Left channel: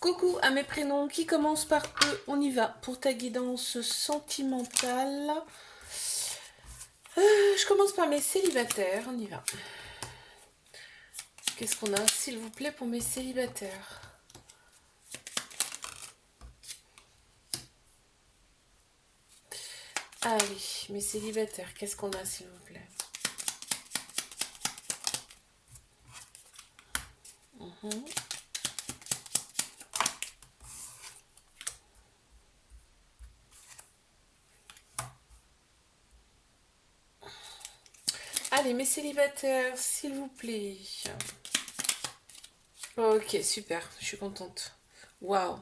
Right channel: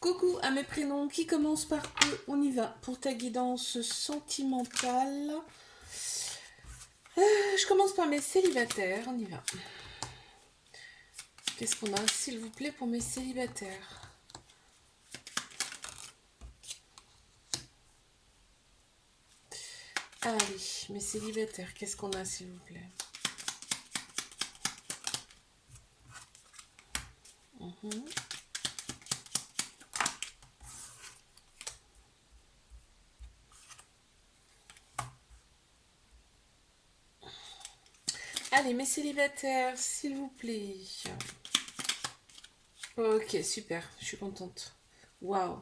Coucou à mes prénoms qui commencent par E. On y va pour ta guidance sentimentale. Je commence par mes célibataires. On y va. Qu'est-ce qu'on a, s'il vous plaît, pour mes célibataires? Ah oui, mes célibataires, qu'est-ce qu'on a, s'il vous plaît? Mhm. Allez, mes célibataires, s'il vous plaît. Ok, super, je suis contente. Waouh.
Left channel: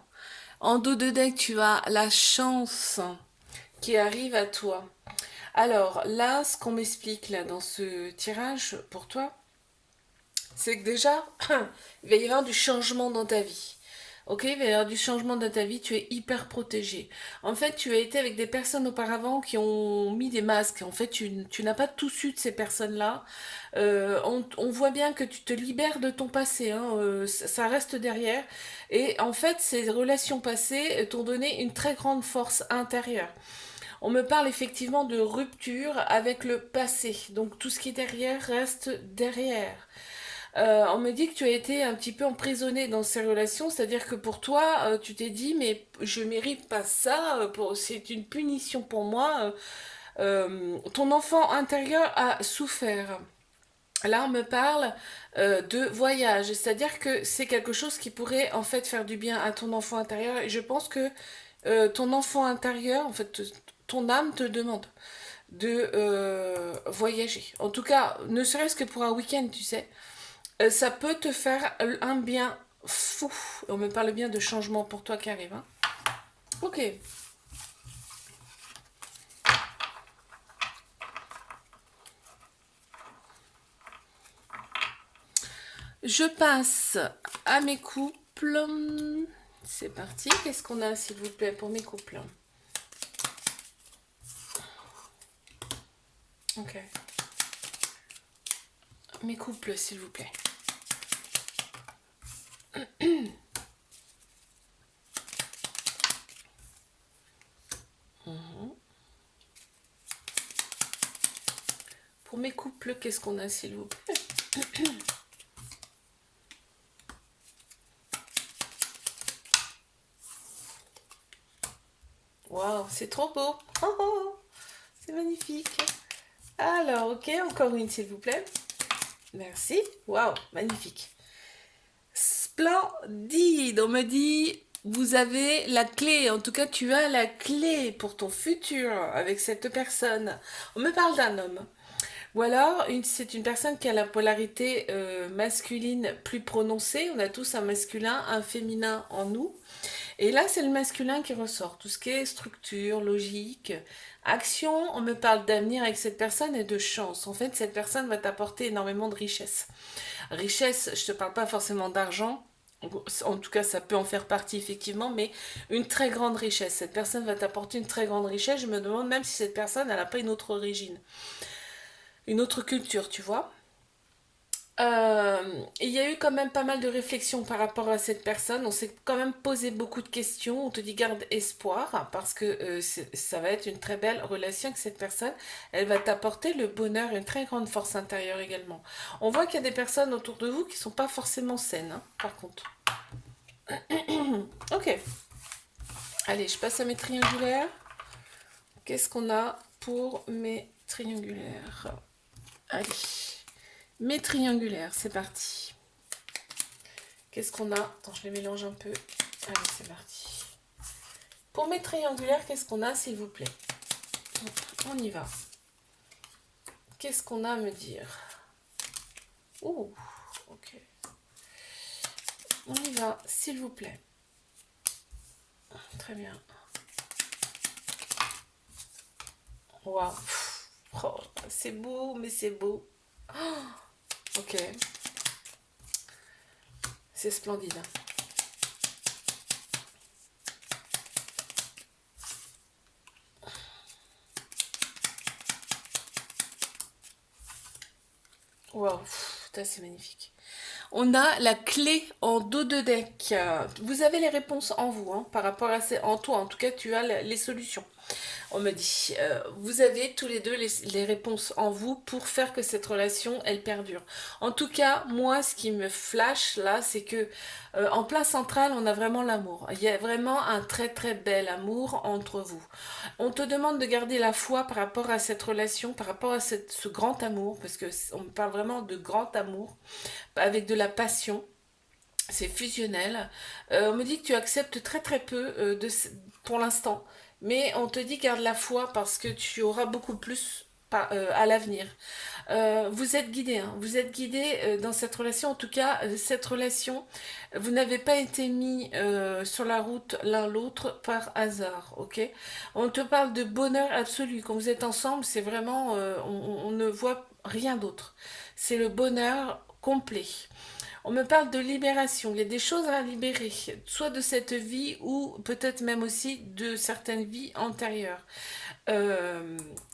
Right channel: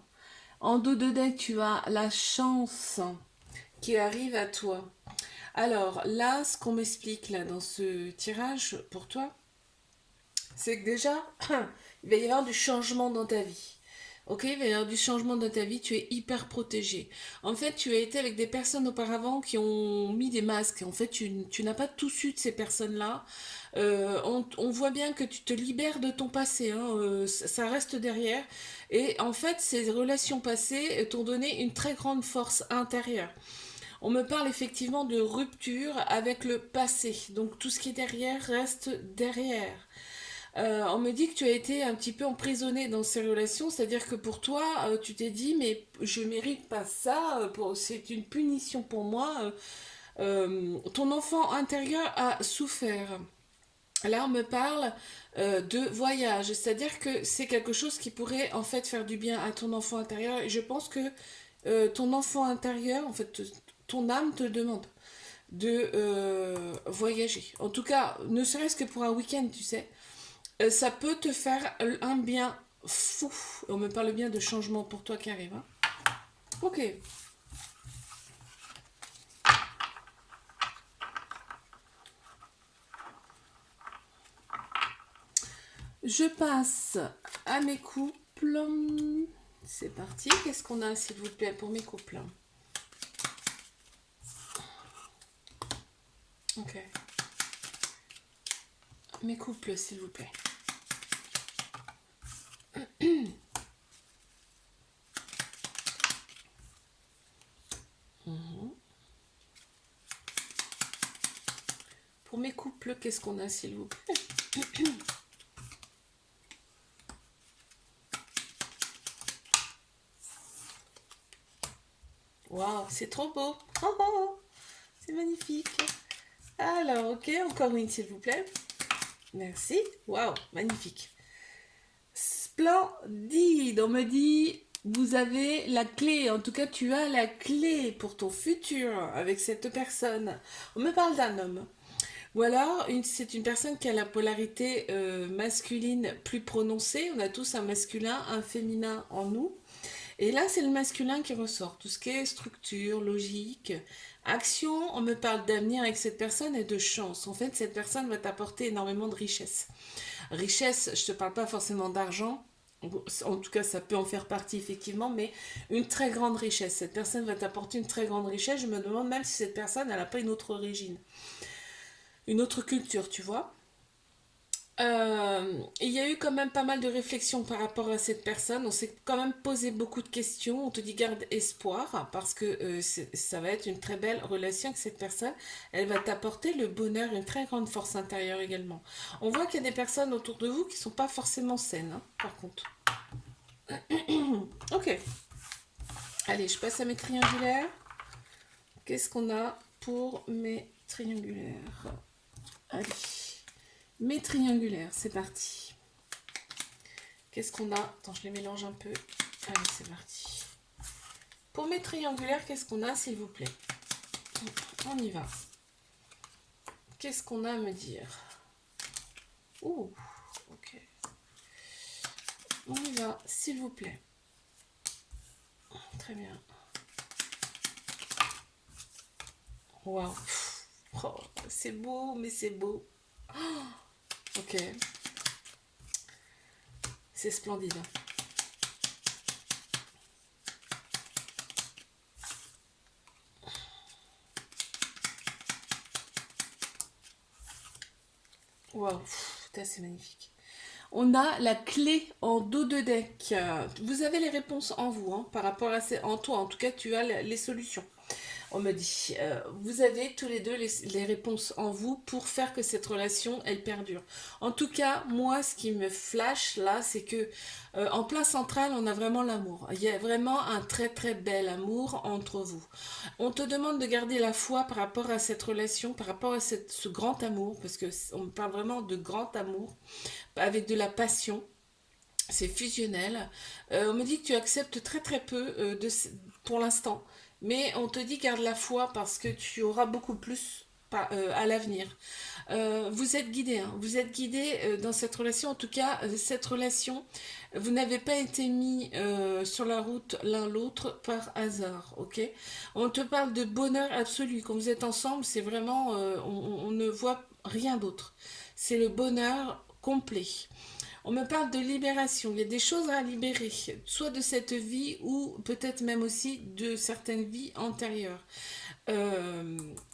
En dos de deck, tu as la chance qui arrive à toi. Alors là, ce qu'on m'explique là dans ce tirage pour toi, c'est que déjà, il va y avoir du changement dans ta vie. Ok, il va y avoir du changement dans ta vie, tu es hyper protégé. En fait, tu as été avec des personnes auparavant qui ont mis des masques. En fait, tu n'as pas tout su de ces personnes-là. On voit bien que tu te libères de ton passé, hein, ça reste derrière. Et en fait, ces relations passées t'ont donné une très grande force intérieure. On me parle effectivement de rupture avec le passé. Donc tout ce qui est derrière reste derrière. On me dit que tu as été un petit peu emprisonné dans ces relations, c'est-à-dire que pour toi, tu t'es dit, mais je mérite pas ça, c'est une punition pour moi. Ton enfant intérieur a souffert. Là, on me parle de voyage, c'est-à-dire que c'est quelque chose qui pourrait en fait faire du bien à ton enfant intérieur. Et je pense que ton enfant intérieur, en fait, ton âme te demande de voyager. En tout cas, ne serait-ce que pour un week-end, tu sais. Ça peut te faire un bien fou. On me parle bien de changement pour toi qui arrive. Hein. Ok. Je passe à mes couples. C'est parti. Qu'est-ce qu'on a, s'il vous plaît, pour mes couples? Ok. Mes couples, s'il vous plaît. Mhm. Pour mes couples, qu'est-ce qu'on a, s'il vous plaît? Waouh, c'est trop beau. Oh, oh, oh, c'est magnifique. Alors, ok, encore une, s'il vous plaît. Merci. Waouh, magnifique. Splendide. On me dit, vous avez la clé. En tout cas, tu as la clé pour ton futur avec cette personne. On me parle d'un homme. Ou alors, c'est une personne qui a la polarité masculine plus prononcée. On a tous un masculin, un féminin en nous. Et là, c'est le masculin qui ressort. Tout ce qui est structure, logique, action. On me parle d'avenir avec cette personne et de chance. En fait, cette personne va t'apporter énormément de richesse. Richesse, je ne te parle pas forcément d'argent. En tout cas, ça peut en faire partie effectivement, mais une très grande richesse. Cette personne va t'apporter une très grande richesse. Je me demande même si cette personne, elle n'a pas une autre origine, une autre culture, tu vois. Euh, il y a eu quand même pas mal de réflexions par rapport à cette personne. On s'est quand même posé beaucoup de questions. On te dit garde espoir parce que ça va être une très belle relation avec cette personne. Elle va t'apporter le bonheur, une très grande force intérieure également. On voit qu'il y a des personnes autour de vous qui sont pas forcément saines, hein, par contre. Ok. Allez, je passe à mes triangulaires. Qu'est-ce qu'on a pour mes triangulaires? Allez. Mes triangulaires, c'est parti. Qu'est-ce qu'on a? Attends, je les mélange un peu. Allez, c'est parti. Pour mes triangulaires, qu'est-ce qu'on a, s'il vous plaît? On y va. Qu'est-ce qu'on a à me dire? Ouh, ok. On y va, s'il vous plaît. Très bien. Waouh. Oh, c'est beau, mais c'est beau. Oh, ok. C'est splendide. Waouh, c'est magnifique. On a la clé en dos de deck. Vous avez les réponses en vous, hein, par rapport à en toi. En tout cas, tu as les solutions. On me dit, vous avez tous les deux les réponses en vous pour faire que cette relation, elle perdure. En tout cas, moi, ce qui me flash là, c'est que en place centrale, on a vraiment l'amour. Il y a vraiment un très très bel amour entre vous. On te demande de garder la foi par rapport à cette relation, par rapport à ce grand amour, parce que on parle vraiment de grand amour, avec de la passion. C'est fusionnel. On me dit que tu acceptes très très peu pour l'instant. Mais on te dit garde la foi parce que tu auras beaucoup plus à l'avenir. Vous êtes guidé, hein, vous êtes guidé dans cette relation. En tout cas, cette relation, vous n'avez pas été mis sur la route l'un l'autre par hasard, ok? On te parle de bonheur absolu. Quand vous êtes ensemble, c'est vraiment, on ne voit rien d'autre. C'est le bonheur complet. On me parle de libération. Il y a des choses à libérer, soit de cette vie ou peut-être même aussi de certaines vies antérieures.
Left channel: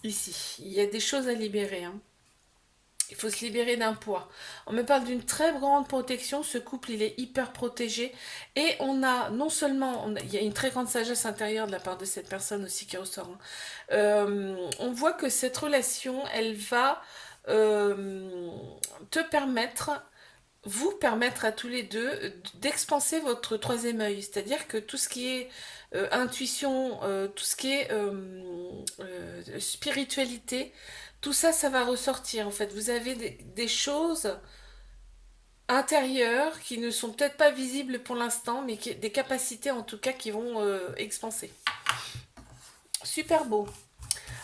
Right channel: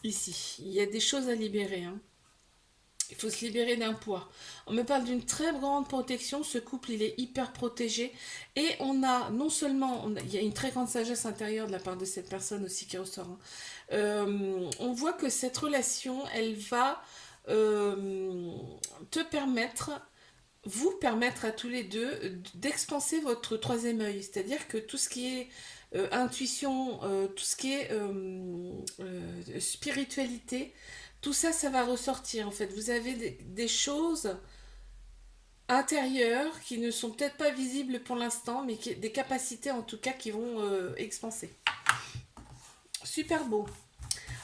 Ici, il y a des choses à libérer, hein. Il faut se libérer d'un poids. On me parle d'une très grande protection. Ce couple, il est hyper protégé. Et on a non seulement, il y a une très grande sagesse intérieure de la part de cette personne aussi qui ressort, hein. On voit que cette relation, elle va te permettre vous permettre à tous les deux d'expanser votre troisième œil. C'est-à-dire que tout ce qui est intuition, tout ce qui est spiritualité, tout ça, ça va ressortir en fait. Vous avez des choses intérieures qui ne sont peut-être pas visibles pour l'instant, mais des capacités en tout cas qui vont expanser. Super beau.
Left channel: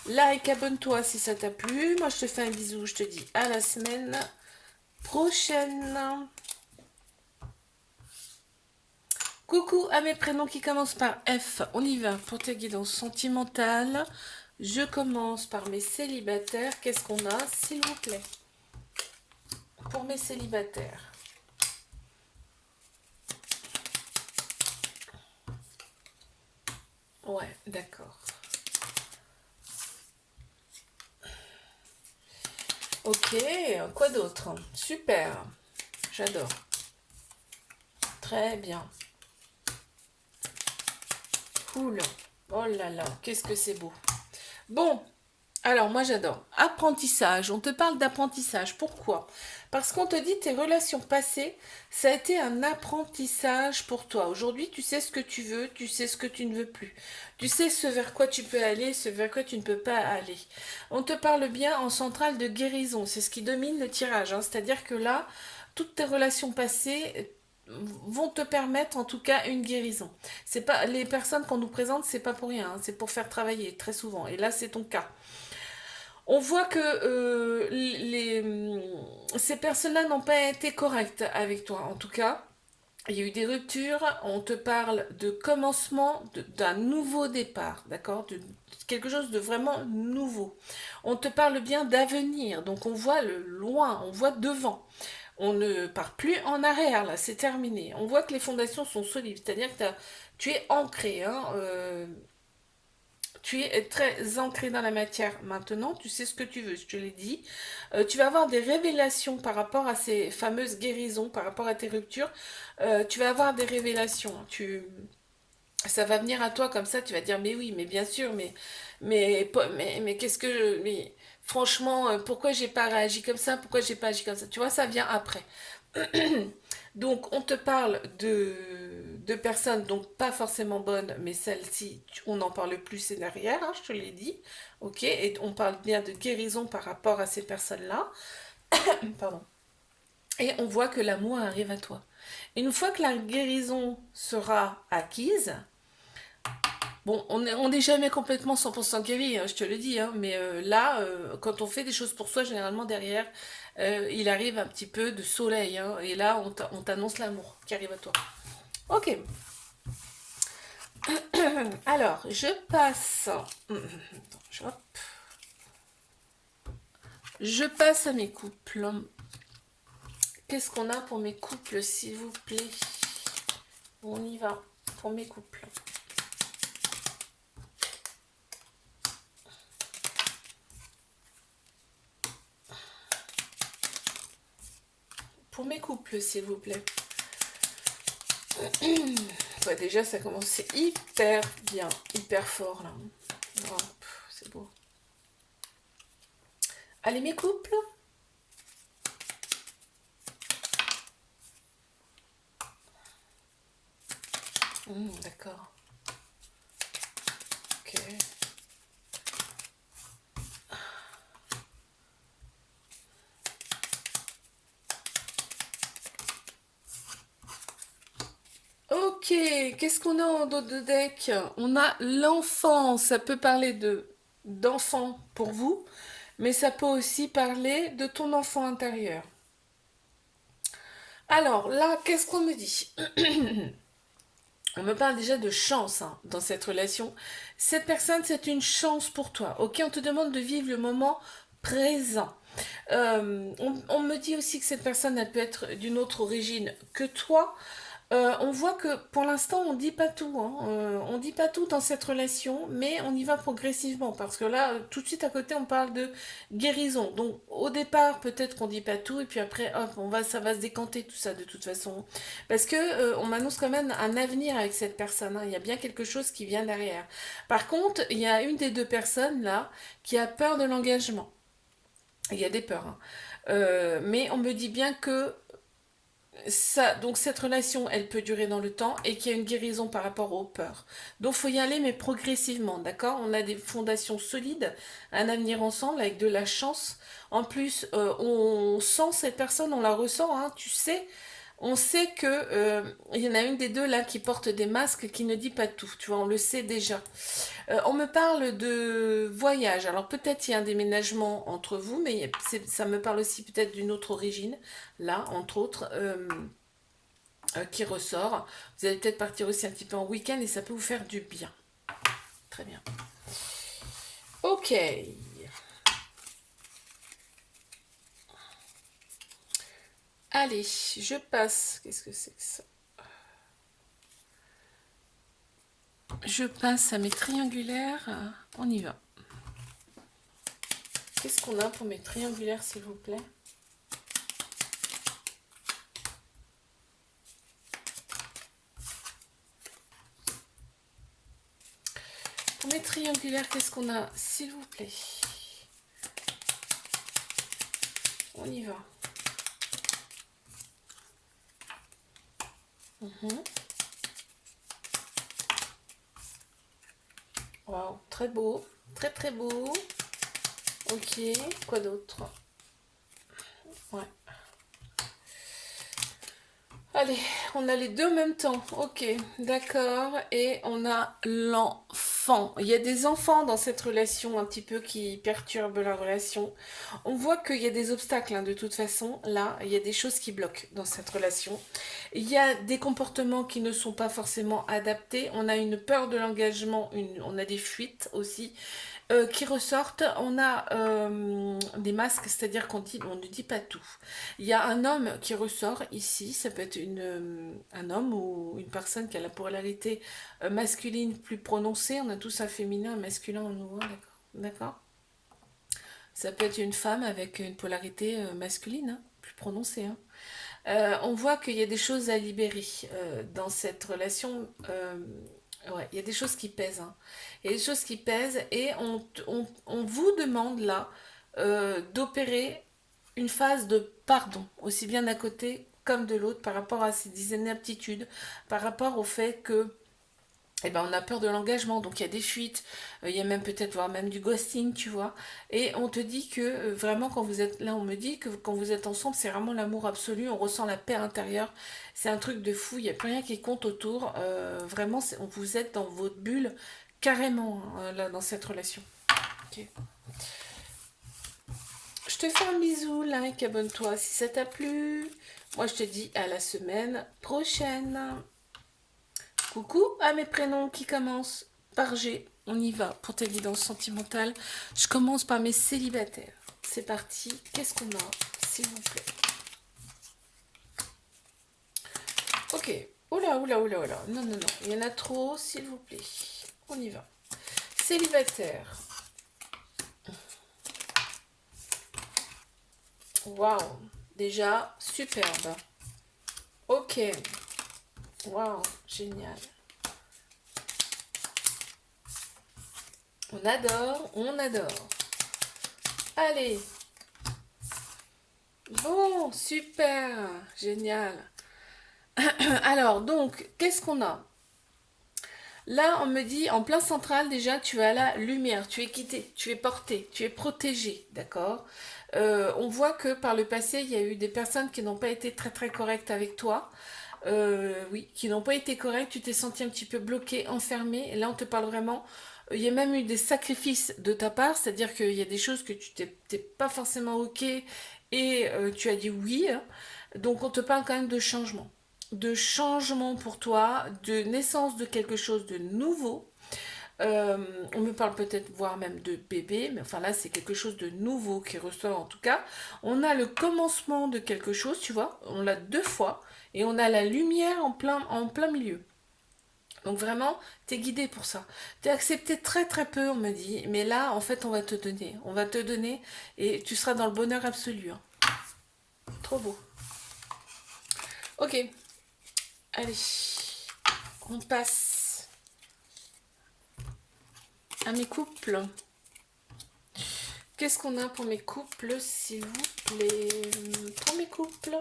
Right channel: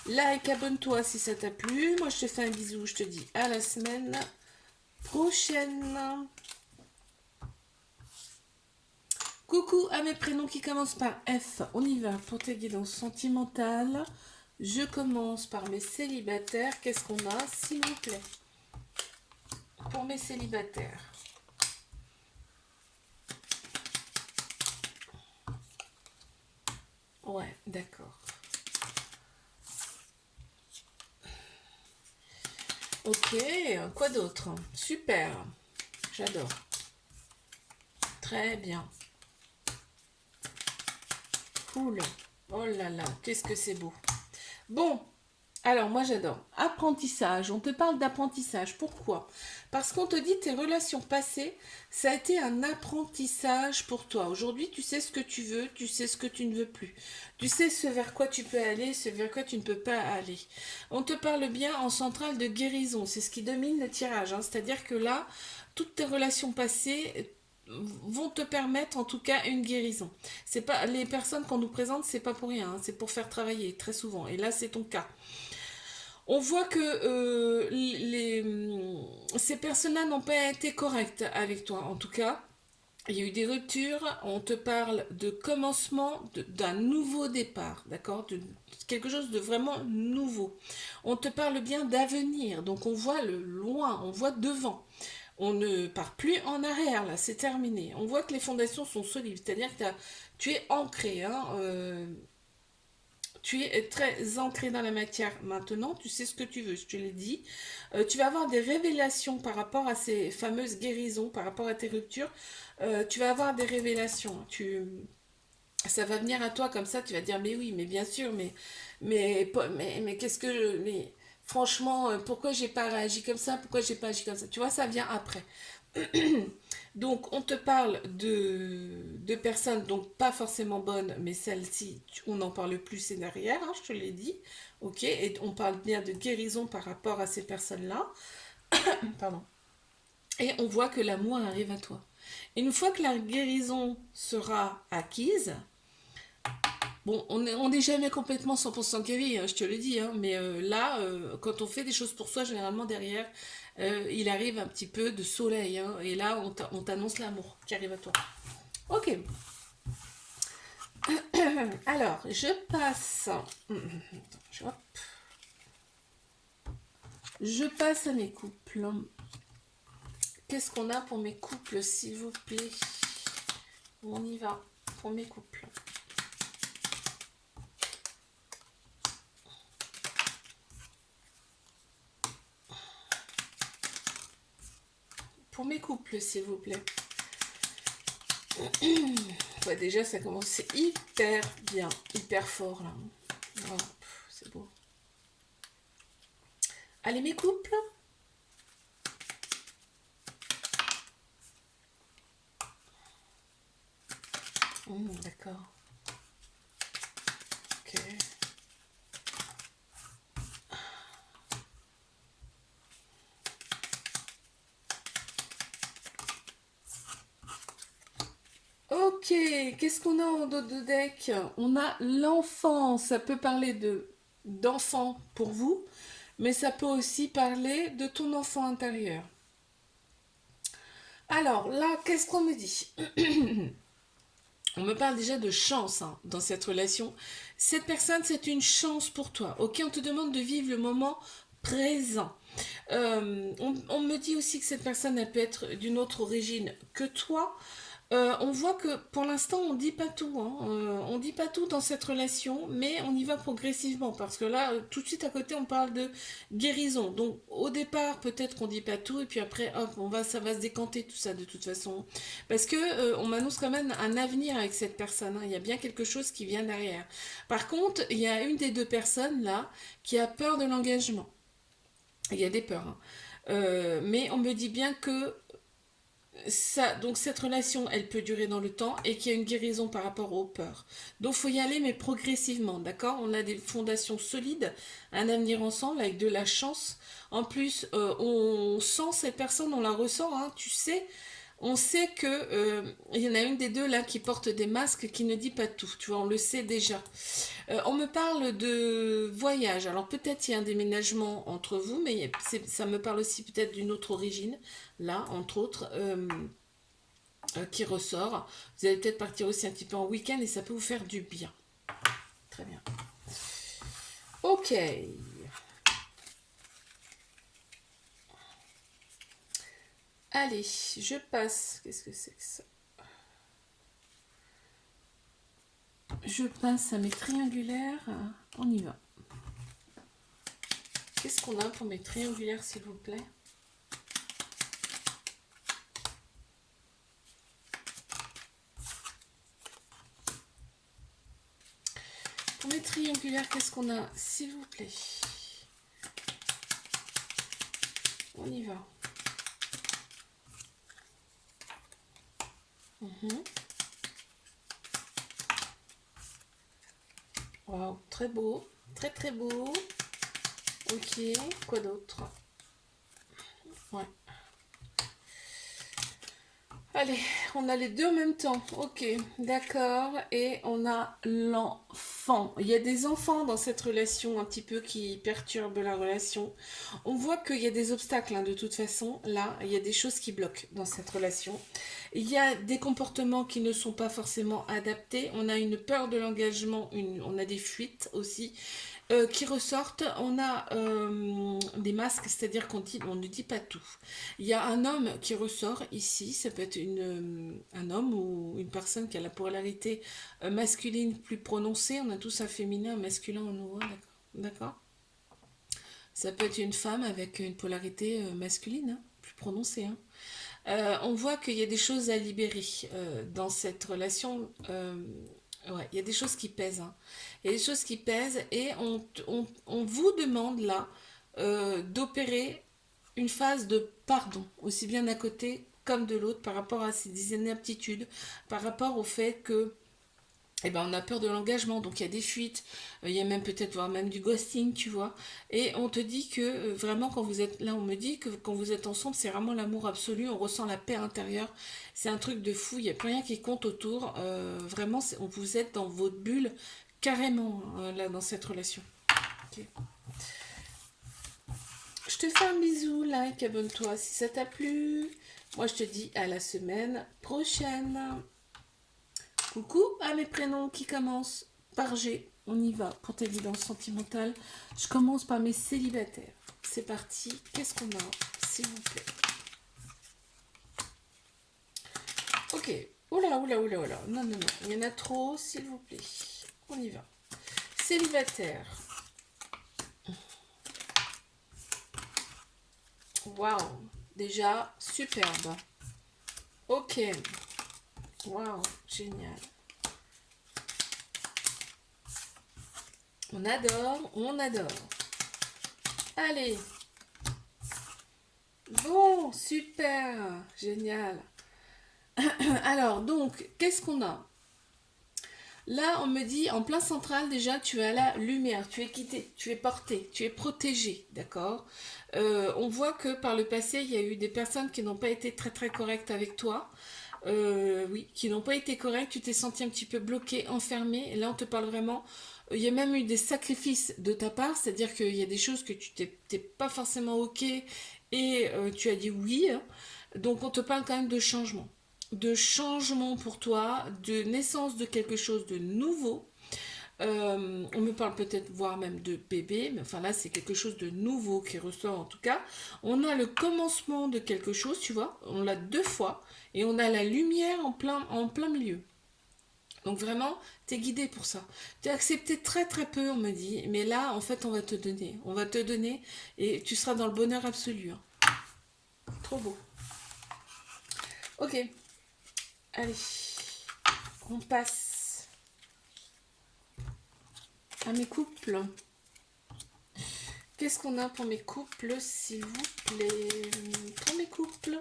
Like, abonne-toi si ça t'a plu. Moi, je te fais un bisou. Je te dis à la semaine prochaine. Coucou à mes prénoms qui commencent par F. On y va pour ta guidance sentimentale. Je commence par mes célibataires. Qu'est-ce qu'on a, s'il vous plaît, pour mes célibataires? Ouais, d'accord. Ok, quoi d'autre? Super, j'adore. Très bien. Cool. Oh là là, qu'est-ce que c'est beau. Bon, alors moi j'adore. Apprentissage, on te parle d'apprentissage. Pourquoi? Parce qu'on te dit tes relations passées, ça a été un apprentissage pour toi. Aujourd'hui, tu sais ce que tu veux, tu sais ce que tu ne veux plus. Tu sais ce vers quoi tu peux aller, ce vers quoi tu ne peux pas aller. On te parle bien en centrale de guérison, c'est ce qui domine le tirage, hein. C'est-à-dire que là, toutes tes relations passées vont te permettre en tout cas une guérison. C'est pas les personnes qu'on nous présente, c'est pas pour rien, hein. C'est pour faire travailler très souvent. Et là, c'est ton cas. On voit que ces personnes-là n'ont pas été correctes avec toi. En tout cas, il y a eu des ruptures. On te parle de commencement d'un nouveau départ, d'accord? De quelque chose de vraiment nouveau. On te parle bien d'avenir. Donc on voit le loin, on voit devant. On ne part plus en arrière, là, c'est terminé. On voit que les fondations sont solides, c'est-à-dire que tu es ancré, hein, tu es très ancré dans la matière maintenant, tu sais ce que tu veux, je te l'ai dit. Tu vas avoir des révélations par rapport à ces fameuses guérisons, par rapport à tes ruptures. Tu vas avoir des révélations. Ça va venir à toi comme ça, tu vas dire mais oui, mais bien sûr, mais qu'est-ce que mais franchement, pourquoi j'ai pas réagi comme ça, pourquoi j'ai pas agi comme ça, tu vois, ça vient après. Donc on te parle de personnes donc pas forcément bonnes, mais celles-ci, on n'en parle plus, c'est derrière, hein, je te l'ai dit, ok, et on parle bien de guérison par rapport à ces personnes-là, pardon, et on voit que l'amour arrive à toi. Une fois que la guérison sera acquise, bon, on n'est jamais complètement 100% guéri, hein, je te le dis, hein, mais là, quand on fait des choses pour soi, généralement derrière, il arrive un petit peu de soleil, hein, et là, on t'annonce l'amour qui arrive à toi. Ok, alors, je passe. Hop. Je passe à mes couples. Qu'est-ce qu'on a pour mes couples, s'il vous plaît? On y va pour mes couples. pour mes couples, s'il vous plaît. Ouais, déjà, ça commence hyper bien, hyper fort, là. Oh, c'est beau. Allez, mes couples. D'accord. Ok. Ok, qu'est-ce qu'on a en dos de deck? On a l'enfant, ça peut parler de d'enfant pour vous, mais ça peut aussi parler de ton enfant intérieur. Alors là, qu'est-ce qu'on me dit? On me parle déjà de chance hein, dans cette relation. Cette personne, c'est une chance pour toi. Ok, on te demande de vivre le moment présent. On me dit aussi que cette personne, elle peut être d'une autre origine que toi. On voit que pour l'instant, on dit pas tout. Hein. On dit pas tout dans cette relation, mais on y va progressivement. Parce que là, tout de suite à côté, on parle de guérison. Donc, au départ, peut-être qu'on dit pas tout, et puis après, hop, ça va se décanter tout ça de toute façon. Parce que on m'annonce quand même un avenir avec cette personne. Hein. Il y a bien quelque chose qui vient derrière. Par contre, il y a une des deux personnes là qui a peur de l'engagement. Il y a des peurs. Hein. Mais on me dit bien que ça, donc cette relation, elle peut durer dans le temps et qu'il y a une guérison par rapport aux peurs. Donc faut y aller, mais progressivement, d'accord? On a des fondations solides, un avenir ensemble avec de la chance. En plus, on sent cette personne, on la ressent, hein, tu sais. On sait que il y en a une des deux là qui porte des masques qui ne dit pas tout, tu vois, on le sait déjà. On me parle de voyage. Alors peut-être il y a un déménagement entre vous, mais ça me parle aussi peut-être d'une autre origine, là, entre autres, qui ressort. Vous allez peut-être partir aussi un petit peu en week-end et ça peut vous faire du bien. Très bien. Ok. Allez, je passe. Qu'est-ce que c'est que ça? Je passe à mes triangulaires. On y va. Qu'est-ce qu'on a pour mes triangulaires, s'il vous plaît? Pour mes triangulaires, qu'est-ce qu'on a, s'il vous plaît? On y va. Wow, très beau. Très très beau. Ok, quoi d'autre? Ouais. Allez, on a les deux en même temps. Ok, d'accord. Et on a l'enfant. Il y a des enfants dans cette relation un petit peu qui perturbent la relation. On voit qu'il y a des obstacles hein, de toute façon. Là, il y a des choses qui bloquent dans cette relation. Il y a des comportements qui ne sont pas forcément adaptés. On a une peur de l'engagement, on a des fuites aussi qui ressortent. On a des masques, c'est-à-dire on ne dit pas tout. Il y a un homme qui ressort ici, ça peut être un homme ou une personne qui a la polarité masculine plus prononcée. On a tous un féminin, un masculin en nous, hein, d'accord. Ça peut être une femme avec une polarité masculine, hein, plus prononcée. Hein. On voit qu'il y a des choses à libérer dans cette relation. Ouais, il y a des choses qui pèsent. Hein. Il y a des choses qui pèsent et on vous demande là d'opérer une phase de pardon, aussi bien d'un côté comme de l'autre, par rapport à ces inaptitudes, par rapport au fait que eh ben, on a peur de l'engagement, donc il y a des fuites, il y a même peut-être voire même du ghosting, tu vois. Et on te dit que vraiment quand vous êtes là, on me dit que quand vous êtes ensemble, c'est vraiment l'amour absolu, on ressent la paix intérieure. C'est un truc de fou, il n'y a plus rien qui compte autour. Vraiment, on vous êtes dans votre bulle carrément là dans cette relation. Ok. Je te fais un bisou, like, abonne-toi si ça t'a plu. Moi, je te dis à la semaine prochaine. Coucou à mes prénoms qui commencent par G. On y va pour ta guidance sentimentale. Je commence par mes célibataires. C'est parti. Qu'est-ce qu'on a, s'il vous plaît? Ok. Oula, oula, oula, oula. Non, non, non. Il y en a trop, s'il vous plaît. On y va. Célibataire. Waouh. Déjà, superbe. Ok. Waouh, génial. On adore, on adore. Allez. Bon, super, génial. Alors, donc, qu'est-ce qu'on a? Là, on me dit, en plein central, déjà, tu as la lumière, tu es quitté, tu es porté, tu es protégé, d'accord. On voit que par le passé, il y a eu des personnes qui n'ont pas été très très correctes avec toi. Oui, qui n'ont pas été correctes, tu t'es senti un petit peu bloqué, enfermé. Et là, on te parle vraiment. Il y a même eu des sacrifices de ta part, c'est-à-dire qu'il y a des choses que tu t'es pas forcément ok et tu as dit oui, hein. Donc, on te parle quand même de changement pour toi, de naissance de quelque chose de nouveau. On me parle peut-être voire même de bébé, mais enfin là c'est quelque chose de nouveau qui ressort en tout cas. On a le commencement de quelque chose, tu vois, on l'a deux fois, et on a la lumière en plein milieu. Donc vraiment, t'es guidé pour ça. T'es accepté très très peu, on me dit, mais là en fait on va te donner, et tu seras dans le bonheur absolu, hein. Trop beau. Ok, allez, on passe à mes couples. Qu'est-ce qu'on a pour mes couples, s'il vous plaît? Pour mes couples.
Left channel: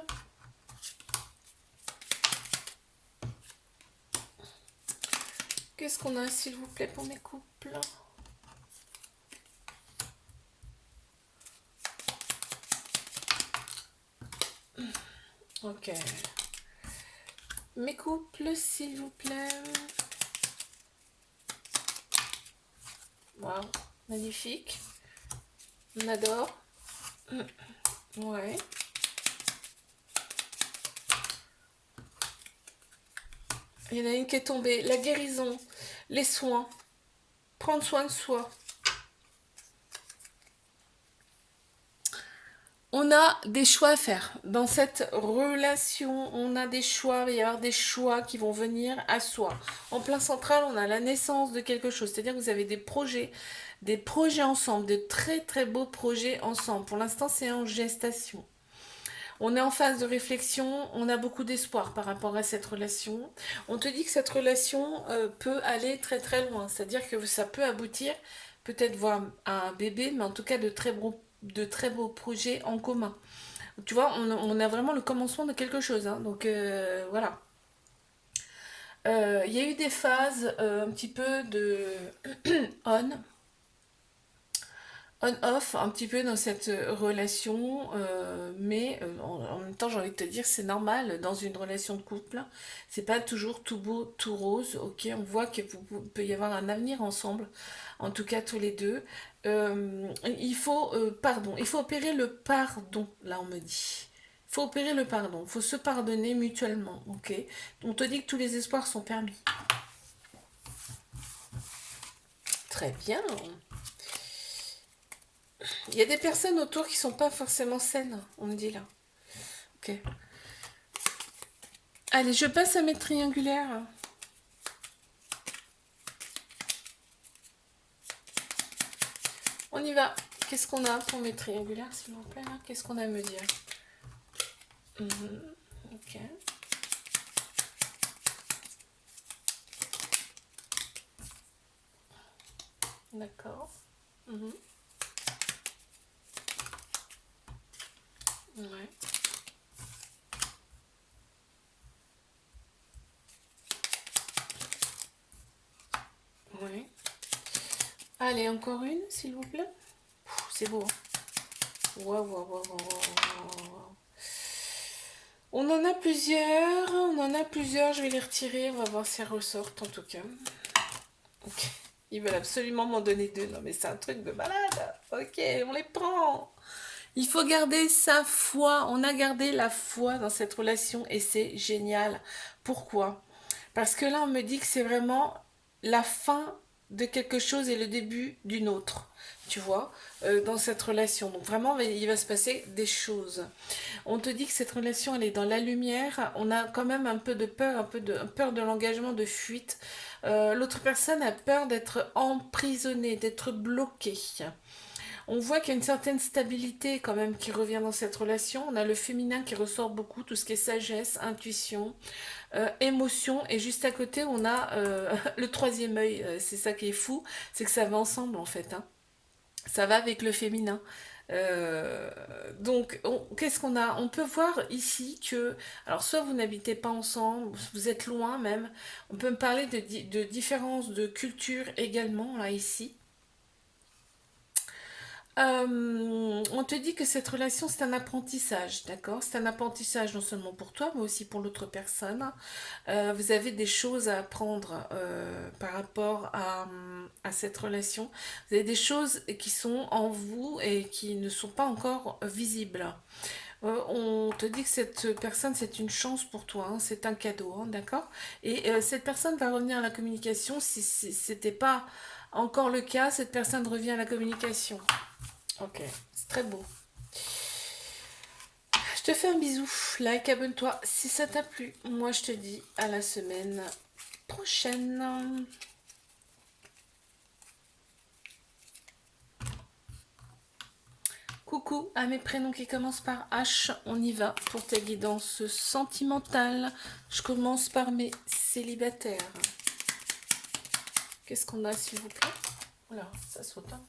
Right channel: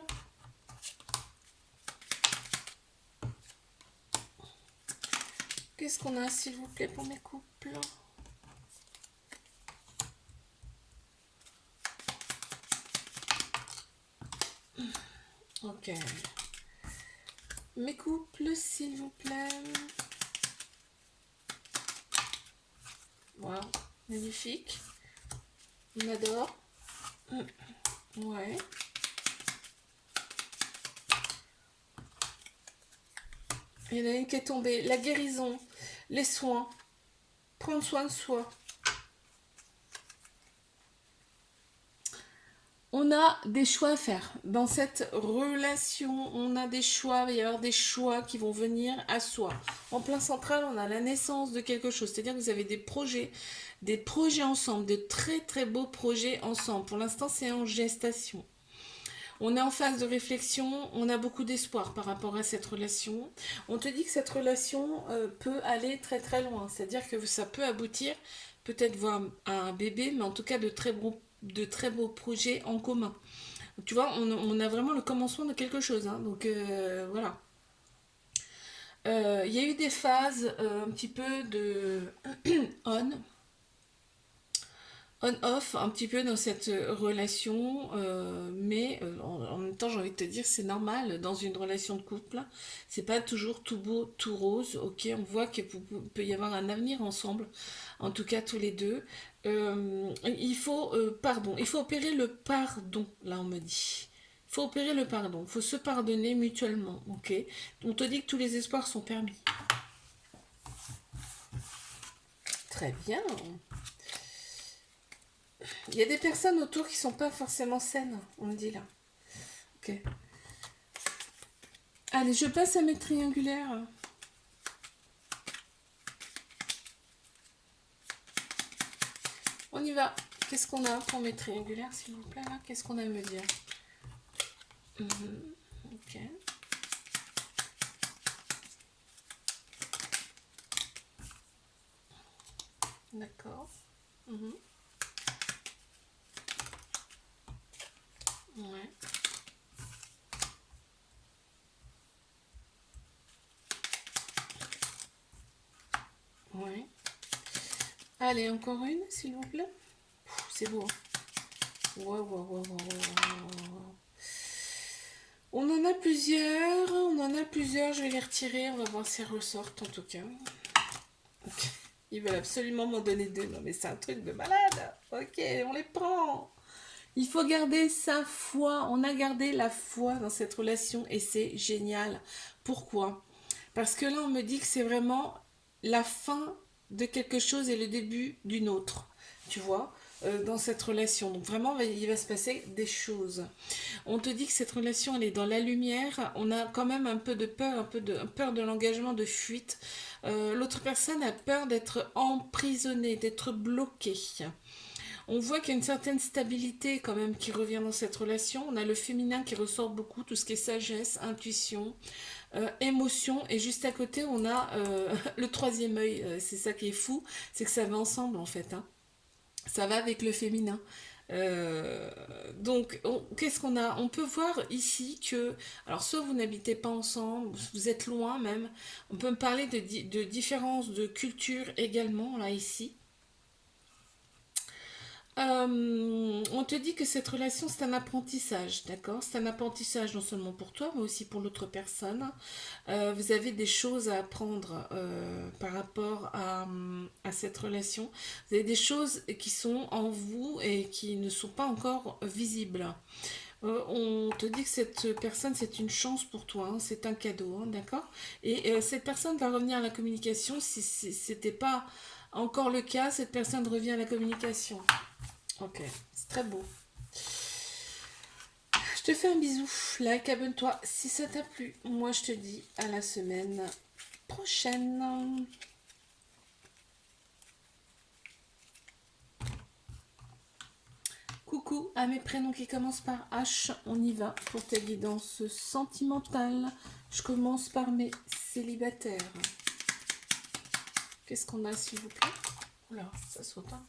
Qu'est-ce qu'on a, s'il vous plaît, pour mes couples? Ok. Mes couples, s'il vous plaît. Waouh, magnifique. On adore. Ouais. Il y en a une qui est tombée. La guérison, les soins, prendre soin de soi. On a des choix à faire. Dans cette relation, on a des choix. Il va y avoir des choix qui vont venir à soi. En plein central, on a la naissance de quelque chose. C'est-à-dire que vous avez des projets ensemble, de très très beaux projets ensemble. Pour l'instant, c'est en gestation. On est en phase de réflexion, on a beaucoup d'espoir par rapport à cette relation. On te dit que cette relation peut aller très très loin, c'est-à-dire que ça peut aboutir peut-être voir à un bébé, mais en tout cas de très beaux projets en commun. Tu vois, on a vraiment le commencement de quelque chose, hein, donc voilà. Il y a eu des phases un petit peu de on, on-off un petit peu dans cette relation, mais en même temps j'ai envie de te dire c'est normal dans une relation de couple, c'est pas toujours tout beau, tout rose, ok, on voit qu'il peut y avoir un avenir ensemble, en tout cas tous les deux. Il faut opérer le pardon, là on me dit. Il faut opérer le pardon, il faut se pardonner mutuellement, ok. On te dit que tous les espoirs sont permis. Très bien. Il y a des personnes autour qui sont pas forcément saines, on me dit là. Ok. Allez, je passe à mes triangulaires. On y va. Qu'est-ce qu'on a pour mes triangulaires, s'il vous plaît? Qu'est-ce qu'on a à me dire? Ok. D'accord. Ouais. Ouais. Allez, encore une, s'il vous plaît. C'est beau. Waouh, waouh, waouh, waouh. On en a plusieurs, on en a plusieurs. Je vais les retirer, on va voir si elles ressortent en tout cas. Ok. Ils veulent absolument m'en donner deux. Non mais c'est un truc de malade. Ok, on les prend. Il faut garder sa foi. On a gardé la foi dans cette relation et c'est génial. Pourquoi? Parce que là, on me dit que c'est vraiment la fin de quelque chose et le début d'une autre. Tu vois, dans cette relation. Donc vraiment, il va se passer des choses. On te dit que cette relation, elle est dans la lumière. On a quand même un peu de peur, un peu de peur de l'engagement, de fuite. L'autre personne a peur d'être emprisonnée, d'être bloquée. On voit qu'il y a une certaine stabilité quand même qui revient dans cette relation. On a le féminin qui ressort beaucoup, tout ce qui est sagesse, intuition, émotion. Et juste à côté, on a le troisième œil. C'est ça qui est fou, c'est que ça va ensemble en fait, hein. Ça va avec le féminin. Euh, donc, qu'est-ce qu'on a? On peut voir ici que, alors soit vous n'habitez pas ensemble, vous êtes loin même. On peut me parler de différences de culture également, là, ici. On te dit que cette relation, c'est un apprentissage, d'accord? C'est un apprentissage non seulement pour toi, mais aussi pour l'autre personne. Vous avez des choses à apprendre par rapport à cette relation. Vous avez des choses qui sont en vous et qui ne sont pas encore visibles. On te dit que cette personne, c'est une chance pour toi, hein, c'est un cadeau, hein, d'accord? Et cette personne va revenir à la communication. Si ce n'était pas encore le cas, cette personne revient à la communication. Ok, c'est très beau. Je te fais un bisou, like, abonne-toi si ça t'a plu. Moi, je te dis à la semaine prochaine. Coucou à mes prénoms qui commencent par H. On y va pour ta guidance sentimentale. Je commence par mes célibataires. Qu'est-ce qu'on a, s'il vous plaît? Voilà, ça saute. Hein.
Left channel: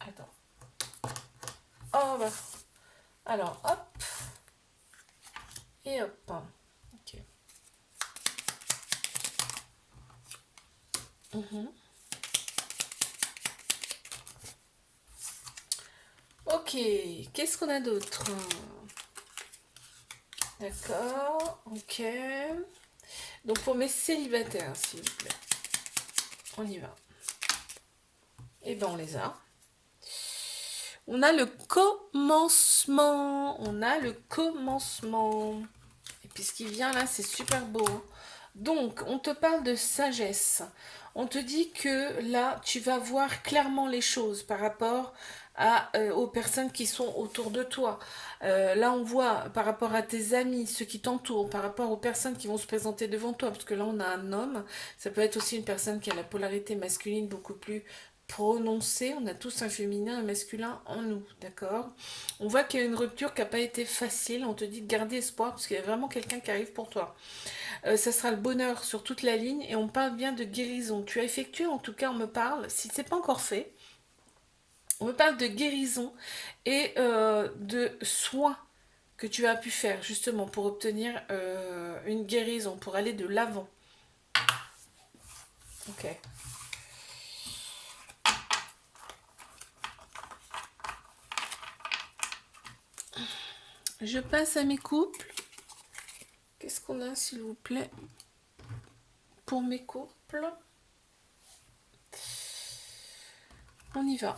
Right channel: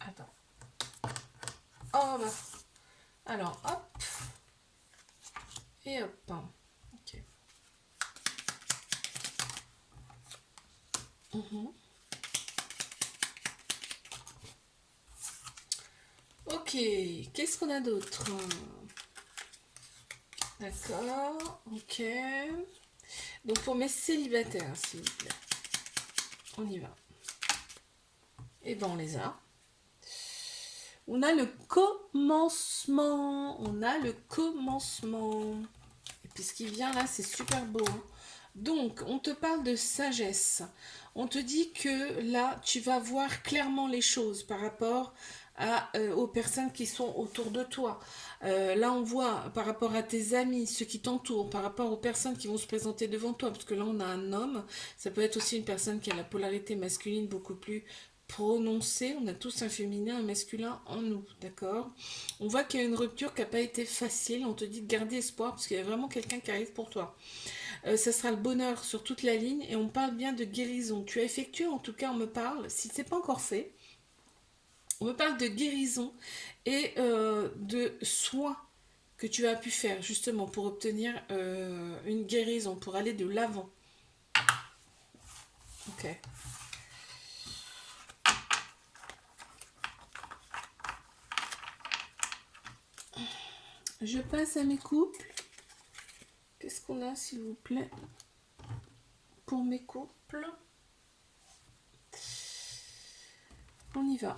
Attends. Oh, bah. Alors, hop. Et hop. Ok. Ok, qu'est-ce qu'on a d'autre? D'accord, ok. Donc pour mes célibataires, s'il vous plaît. On y va. Et ben on les a. On a le commencement. On a le commencement. Et puis ce qui vient là, c'est super beau. Hein. Donc, on te parle de sagesse. On te dit que là, tu vas voir clairement les choses par rapport aux personnes qui sont autour de toi. Là, on voit par rapport à tes amis, ceux qui t'entourent, par rapport aux personnes qui vont se présenter devant toi, parce que là, on a un homme. Ça peut être aussi une personne qui a la polarité masculine beaucoup plus prononcée. On a tous un féminin, un masculin en nous, d'accord? On voit qu'il y a une rupture qui n'a pas été facile. On te dit de garder espoir, parce qu'il y a vraiment quelqu'un qui arrive pour toi. Ça sera le bonheur sur toute la ligne et on parle bien de guérison. Tu as effectué, en tout cas, on me parle, si ce n'est pas encore fait, on me parle de guérison et de soins que tu as pu faire justement pour obtenir une guérison, pour aller de l'avant. Ok. Je passe à mes couples. Qu'est-ce qu'on a, s'il vous plaît, pour mes couples? On y va.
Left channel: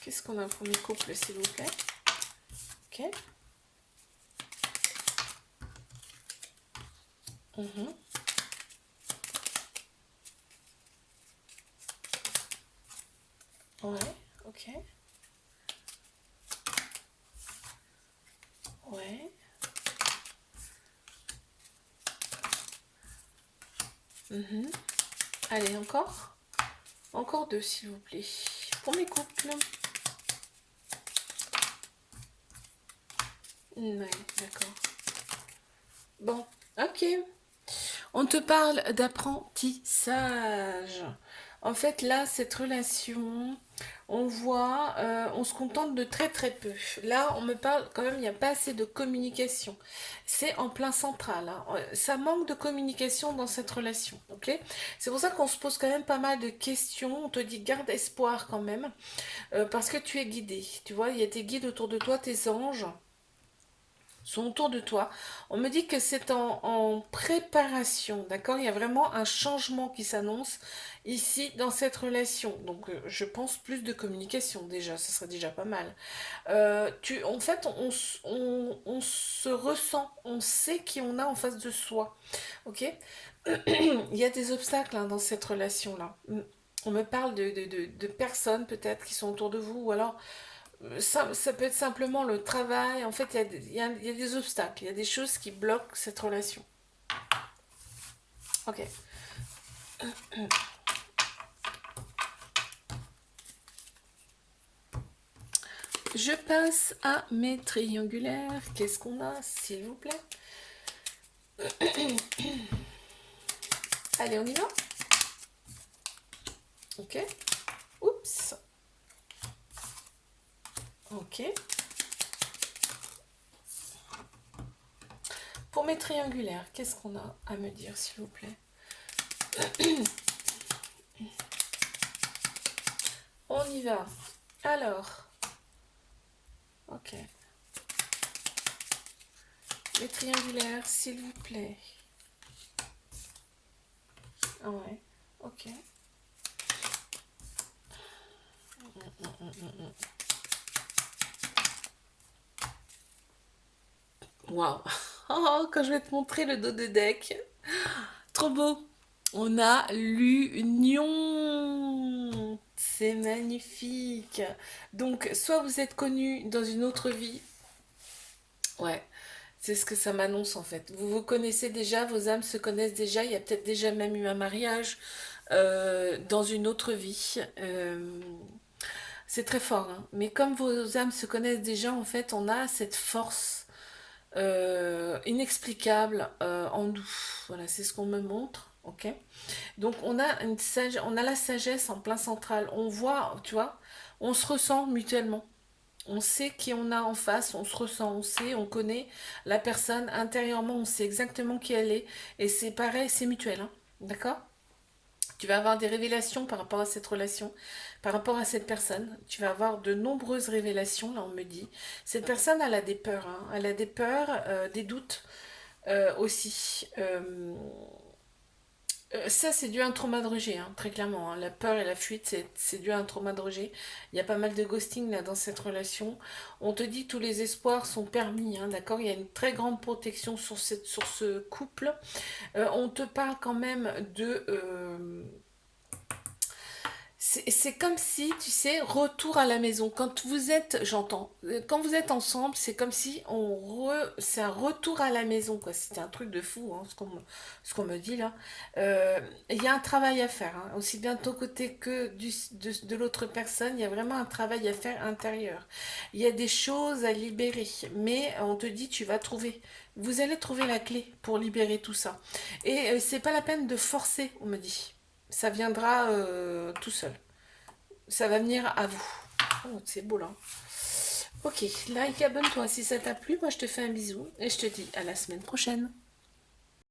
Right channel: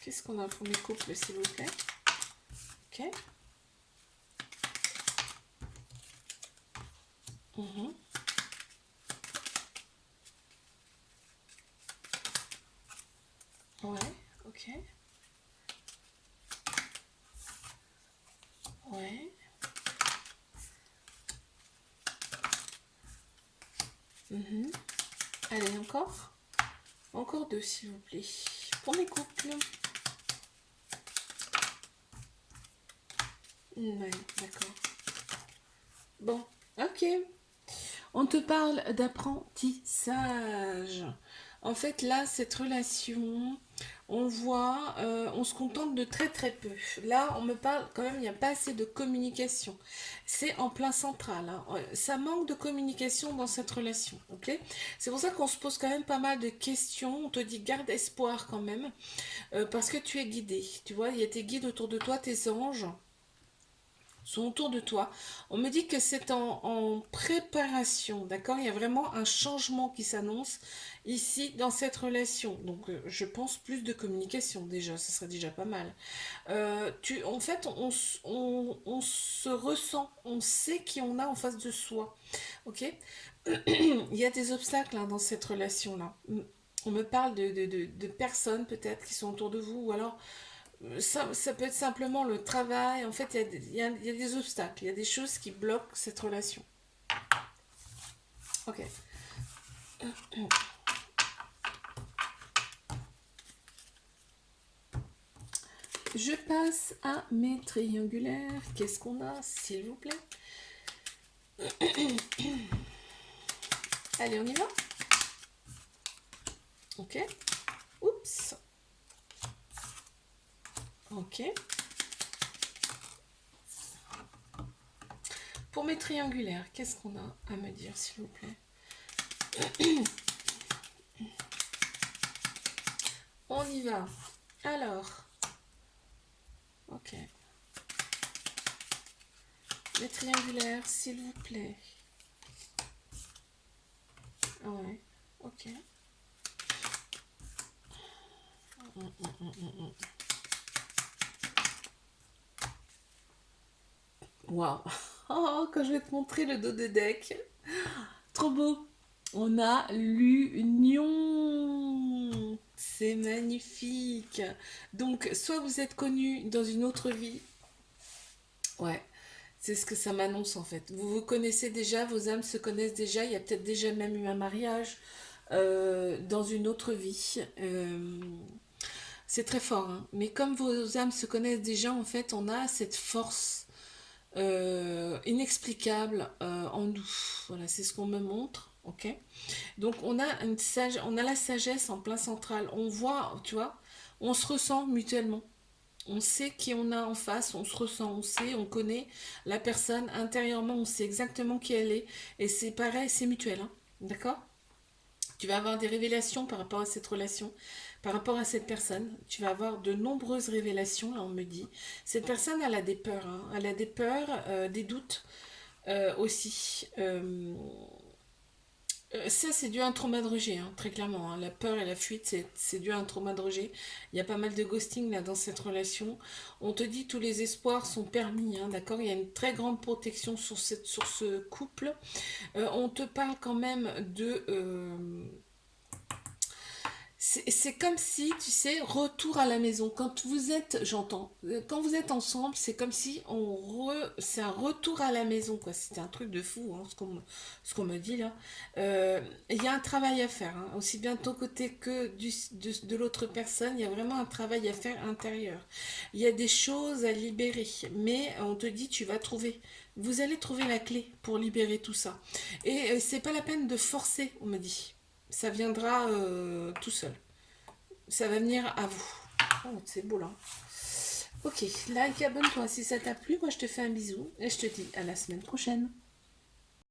Qu'est-ce qu'on a pour mes couples, s'il vous plaît? Ok. Ouais, ok. Ouais. Allez, encore. Encore deux, s'il vous plaît. Pour mes couples. Ouais, d'accord. Bon, ok. On te parle d'apprentissage. En fait, là, cette relation, on voit, on se contente de très très peu. Là, on me parle quand même, il n'y a pas assez de communication. C'est en plein central. Hein. Ça manque de communication dans cette relation. Ok? C'est pour ça qu'on se pose quand même pas mal de questions. On te dit garde espoir quand même, parce que tu es guidé. Tu vois, il y a tes guides autour de toi, tes anges sont autour de toi. On me dit que c'est en préparation, d'accord? Il y a vraiment un changement qui s'annonce ici dans cette relation. Donc je pense plus de communication déjà, ce serait déjà pas mal. En fait, on se ressent, on sait qui on a en face de soi, ok? Il y a des obstacles hein, dans cette relation-là. On me parle de personnes peut-être qui sont autour de vous, ou alors ça peut être simplement le travail. En fait, il y a des obstacles, il y a des choses qui bloquent cette relation. Ok. Je passe à mes triangulaires. Qu'est-ce qu'on a, s'il vous plaît? Allez, on y va? Ok. Oups. Ok. Pour mes triangulaires, qu'est-ce qu'on a à me dire, s'il vous plaît? On y va. Alors. Ok. Les triangulaires, s'il vous plaît. Ah ouais. Ok. Waouh. Oh, quand je vais te montrer le dos de deck. Trop beau. On a l'union. C'est magnifique. Donc, soit vous êtes connu dans une autre vie. Ouais, c'est ce que ça m'annonce en fait. Vous vous connaissez déjà, vos âmes se connaissent déjà. Il y a peut-être déjà même eu un mariage dans une autre vie. C'est très fort, hein. Mais comme vos âmes se connaissent déjà, en fait, on a cette force inexplicable en nous. Voilà, c'est ce qu'on me montre. Ok. Donc on a la sagesse en plein central. On voit, tu vois, on se ressent mutuellement. On sait qui on a en face, on se ressent, on sait, on connaît la personne intérieurement, on sait exactement qui elle est. Et c'est pareil, c'est mutuel, hein. D'accord? Tu vas avoir des révélations par rapport à cette relation, par rapport à cette personne. Tu vas avoir de nombreuses révélations, là on me dit. Cette personne, elle a des peurs, hein. Elle a des peurs, des doutes aussi. Ça, c'est dû à un trauma de rejet, hein, très clairement, hein. La peur et la fuite, c'est dû à un trauma de rejet. Il y a pas mal de ghosting là dans cette relation. On te dit tous les espoirs sont permis, hein, d'accord? Il y a une très grande protection sur ce couple. On te parle quand même de c'est comme si, tu sais, retour à la maison. Quand vous êtes, j'entends, quand vous êtes ensemble, c'est comme si c'est un retour à la maison, quoi. C'était un truc de fou, hein, ce qu'on me dit là. Il y a un travail à faire, hein, aussi bien de ton côté que de l'autre personne. Il y a vraiment un travail à faire intérieur. Il y a des choses à libérer, mais on te dit, tu vas trouver. Vous allez trouver la clé pour libérer tout ça. Et c'est pas la peine de forcer, on me dit. Ça viendra tout seul. Ça va venir à vous. Oh, c'est beau là. Ok, like, abonne-toi si ça t'a plu. Moi, je te fais un bisou et je te dis à la semaine prochaine.